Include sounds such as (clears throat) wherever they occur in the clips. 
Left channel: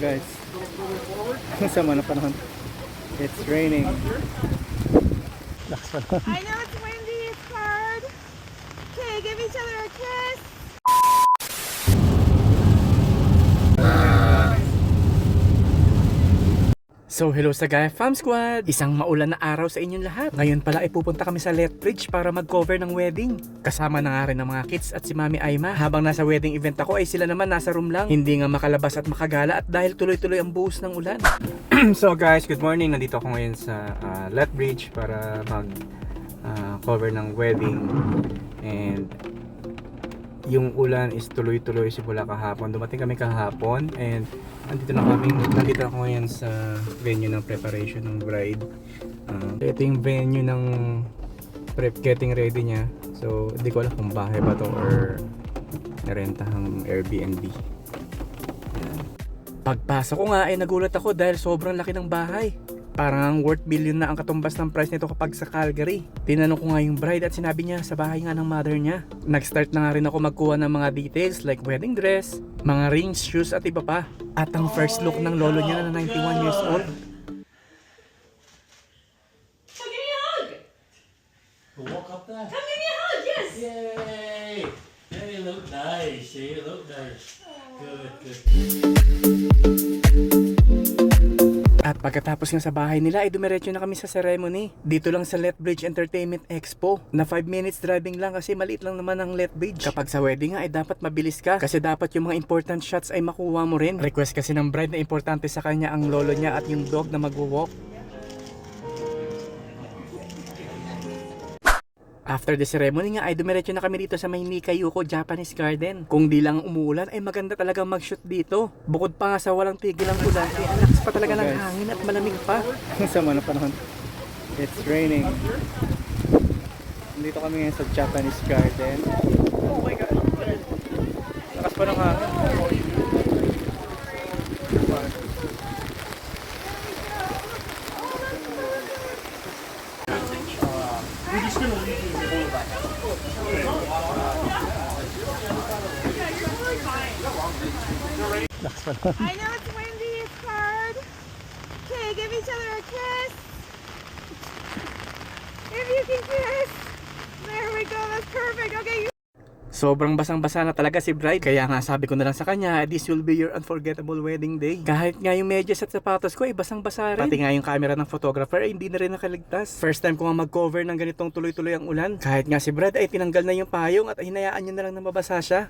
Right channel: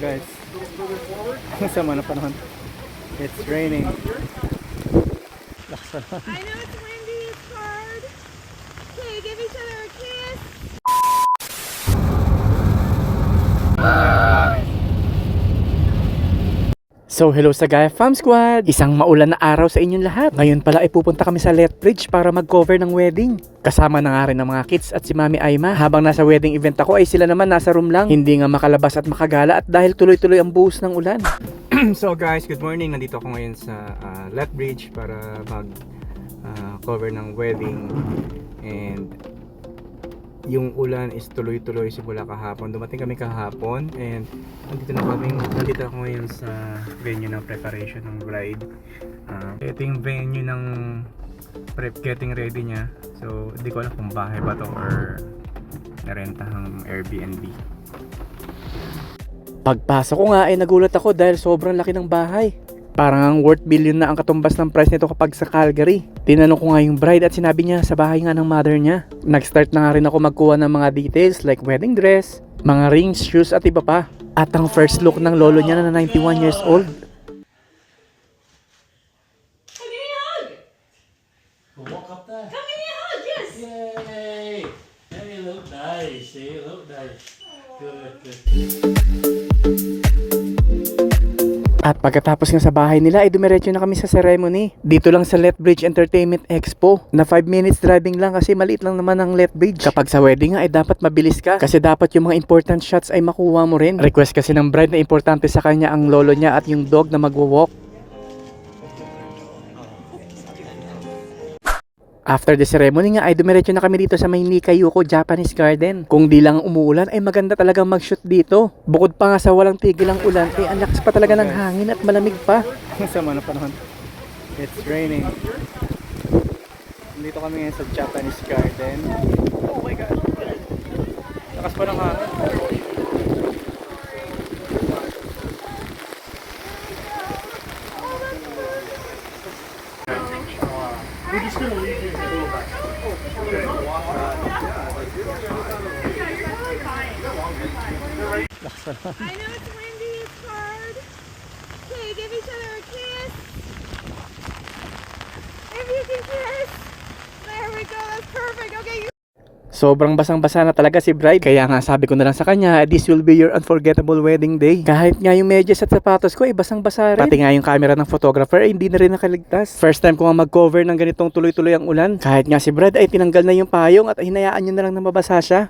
guys, ang sama na panahon. It's raining. Lakas pa naman. I know it's windy, it's hard. Okay, give each other a kiss. So hello sa Gaia Fam Squad! Isang maulan na araw sa inyong lahat. Ngayon pala ay pupunta kami sa Lethbridge para mag-cover ng wedding. Kasama na nga rin ng mga kids at si Mami Aima. Habang nasa wedding event ako ay sila naman nasa room lang. Hindi nga makalabas at makagala at dahil tuloy-tuloy ang buhos ng ulan. (clears throat) so guys, good morning. Nandito ako ngayon sa uh, Lethbridge para mag ah, cover ng wedding. And yung ulan is tuloy-tuloy simula kahapon. Dumating kami kahapon and nandito na kami, nandito ako ngayon sa venue ng preparation ng bride. Ah, ito yung venue ng prep getting ready niya. So, hindi ko alam kung bahay ba to or narentahang Airbnb. Pagpasok ko nga ay nagulat ako dahil sobrang laki ng bahay. Parang ang worth billion na ang katumbas ng price nito kapag sa Calgary. Tinanong ko nga yung bride at sinabi niya sa bahay nga ng mother niya. Nag-start na nga rin ako magkuha ng mga details like wedding dress, mga rings, shoes at iba pa. At ang first look ng lolo niya na 91 years old. Walk up there. Come give me a hug, yes. Yay! Hey, you look nice. You look nice. Good, good. At pagkatapos nga sa bahay nila ay dumiretso na kami sa ceremony. Dito lang sa Lethbridge Entertainment Expo. Na 5 minutes driving lang kasi maliit lang naman ang Lethbridge. Kapag sa wedding nga ay dapat mabilis ka kasi dapat yung mga important shots ay makuha mo rin. Request kasi ng bride na importante sa kanya ang lolo niya at yung dog na magwo-walk. After the ceremony nga ay dumiretso na kami dito sa may Nikayuko Japanese Garden. Kung di lang umuulan ay maganda talagang mag-shoot dito. Bukod pa nga sa walang tigil ang ulan ay ang lakas pa talaga ng hangin at malamig pa. (laughs) Sama na panahon. It's raining. Dito kami ngayon sa Japanese Garden. Oh my God. Lakas pa ng hangin. Lakas pa naman. (laughs) I know it's windy, it's hard. Okay, give each other a kiss. If you can kiss. There we go, that's perfect. Okay, you Sobrang basang-basa na talaga si bride. Kaya nga sabi ko na lang sa kanya, this will be your unforgettable wedding day. Kahit nga yung medyas at sapatos ko ay basang-basa rin. Pati nga yung camera ng photographer ay hindi na rin nakaligtas. First time ko nga mag-cover ng ganitong tuloy-tuloy ang ulan. Kahit nga si bride ay tinanggal na yung payong at hinayaan nyo na lang na mabasa siya.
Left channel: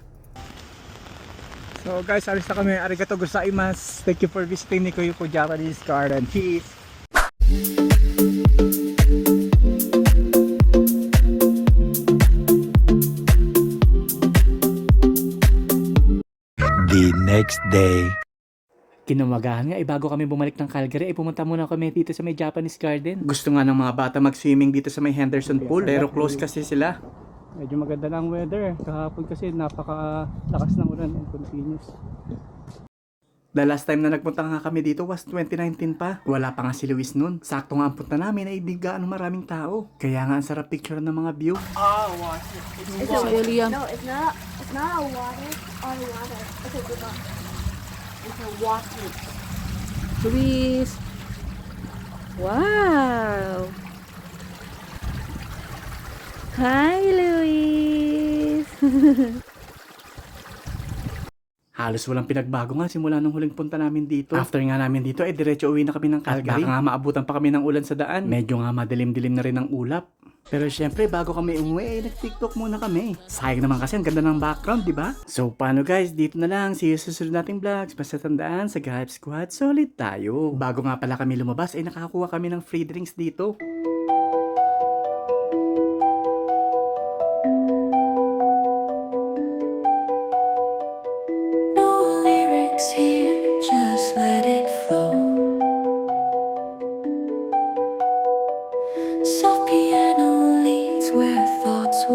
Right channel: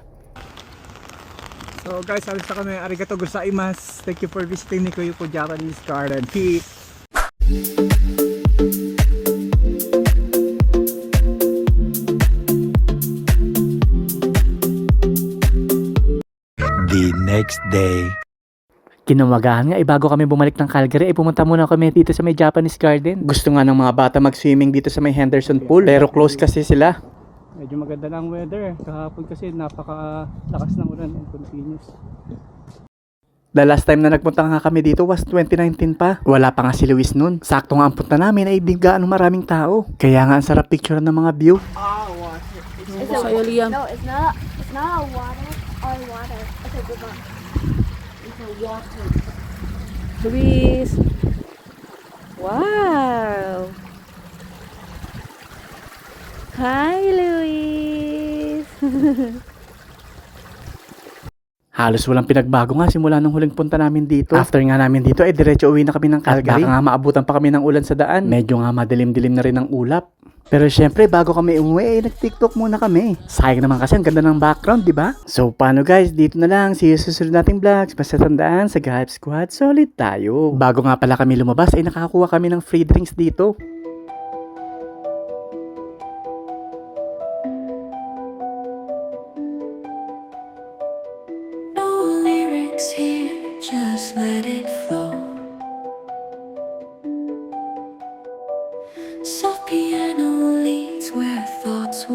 So guys, alis na kami. Arigato gozaimasu. Thank you for visiting Nikuyuko Japanese Garden. Peace! the next day. Kinamagahan nga, eh, bago kami bumalik ng Calgary, eh, pumunta muna kami dito sa may Japanese Garden. Gusto nga ng mga bata mag-swimming dito sa may Henderson Pool, pero close kasi sila. Medyo maganda na ang weather. Kahapon kasi napaka-lakas ng ulan and continuous. The last time na nagpunta nga kami dito was 2019 pa. Wala pa nga si Luis nun. Sakto nga ang punta namin ay di gaano maraming tao. Kaya nga ang sarap picture ng mga view. Sa'yo, Liam. No, it's not. It's not a water or water. It's a river. It's a water. Luis. Wow. Hi, Luis. (laughs) Halos walang pinagbago nga simula nung huling punta namin dito. After nga namin dito, eh diretso uwi na kami ng Calgary. At baka nga maabutan pa kami ng ulan sa daan. Medyo nga madilim-dilim na rin ang ulap. Pero syempre, bago kami umuwi, eh, nag-tiktok muna kami. Sayang naman kasi ang ganda ng background, di ba? So, paano guys? Dito na lang. See you sa susunod nating vlogs. Basta tandaan, sa Gahip Squad, solid tayo. Bago nga pala kami lumabas, ay nakakuha kami ng free drinks dito. Here, just let it flow. Soft piano leads where thoughts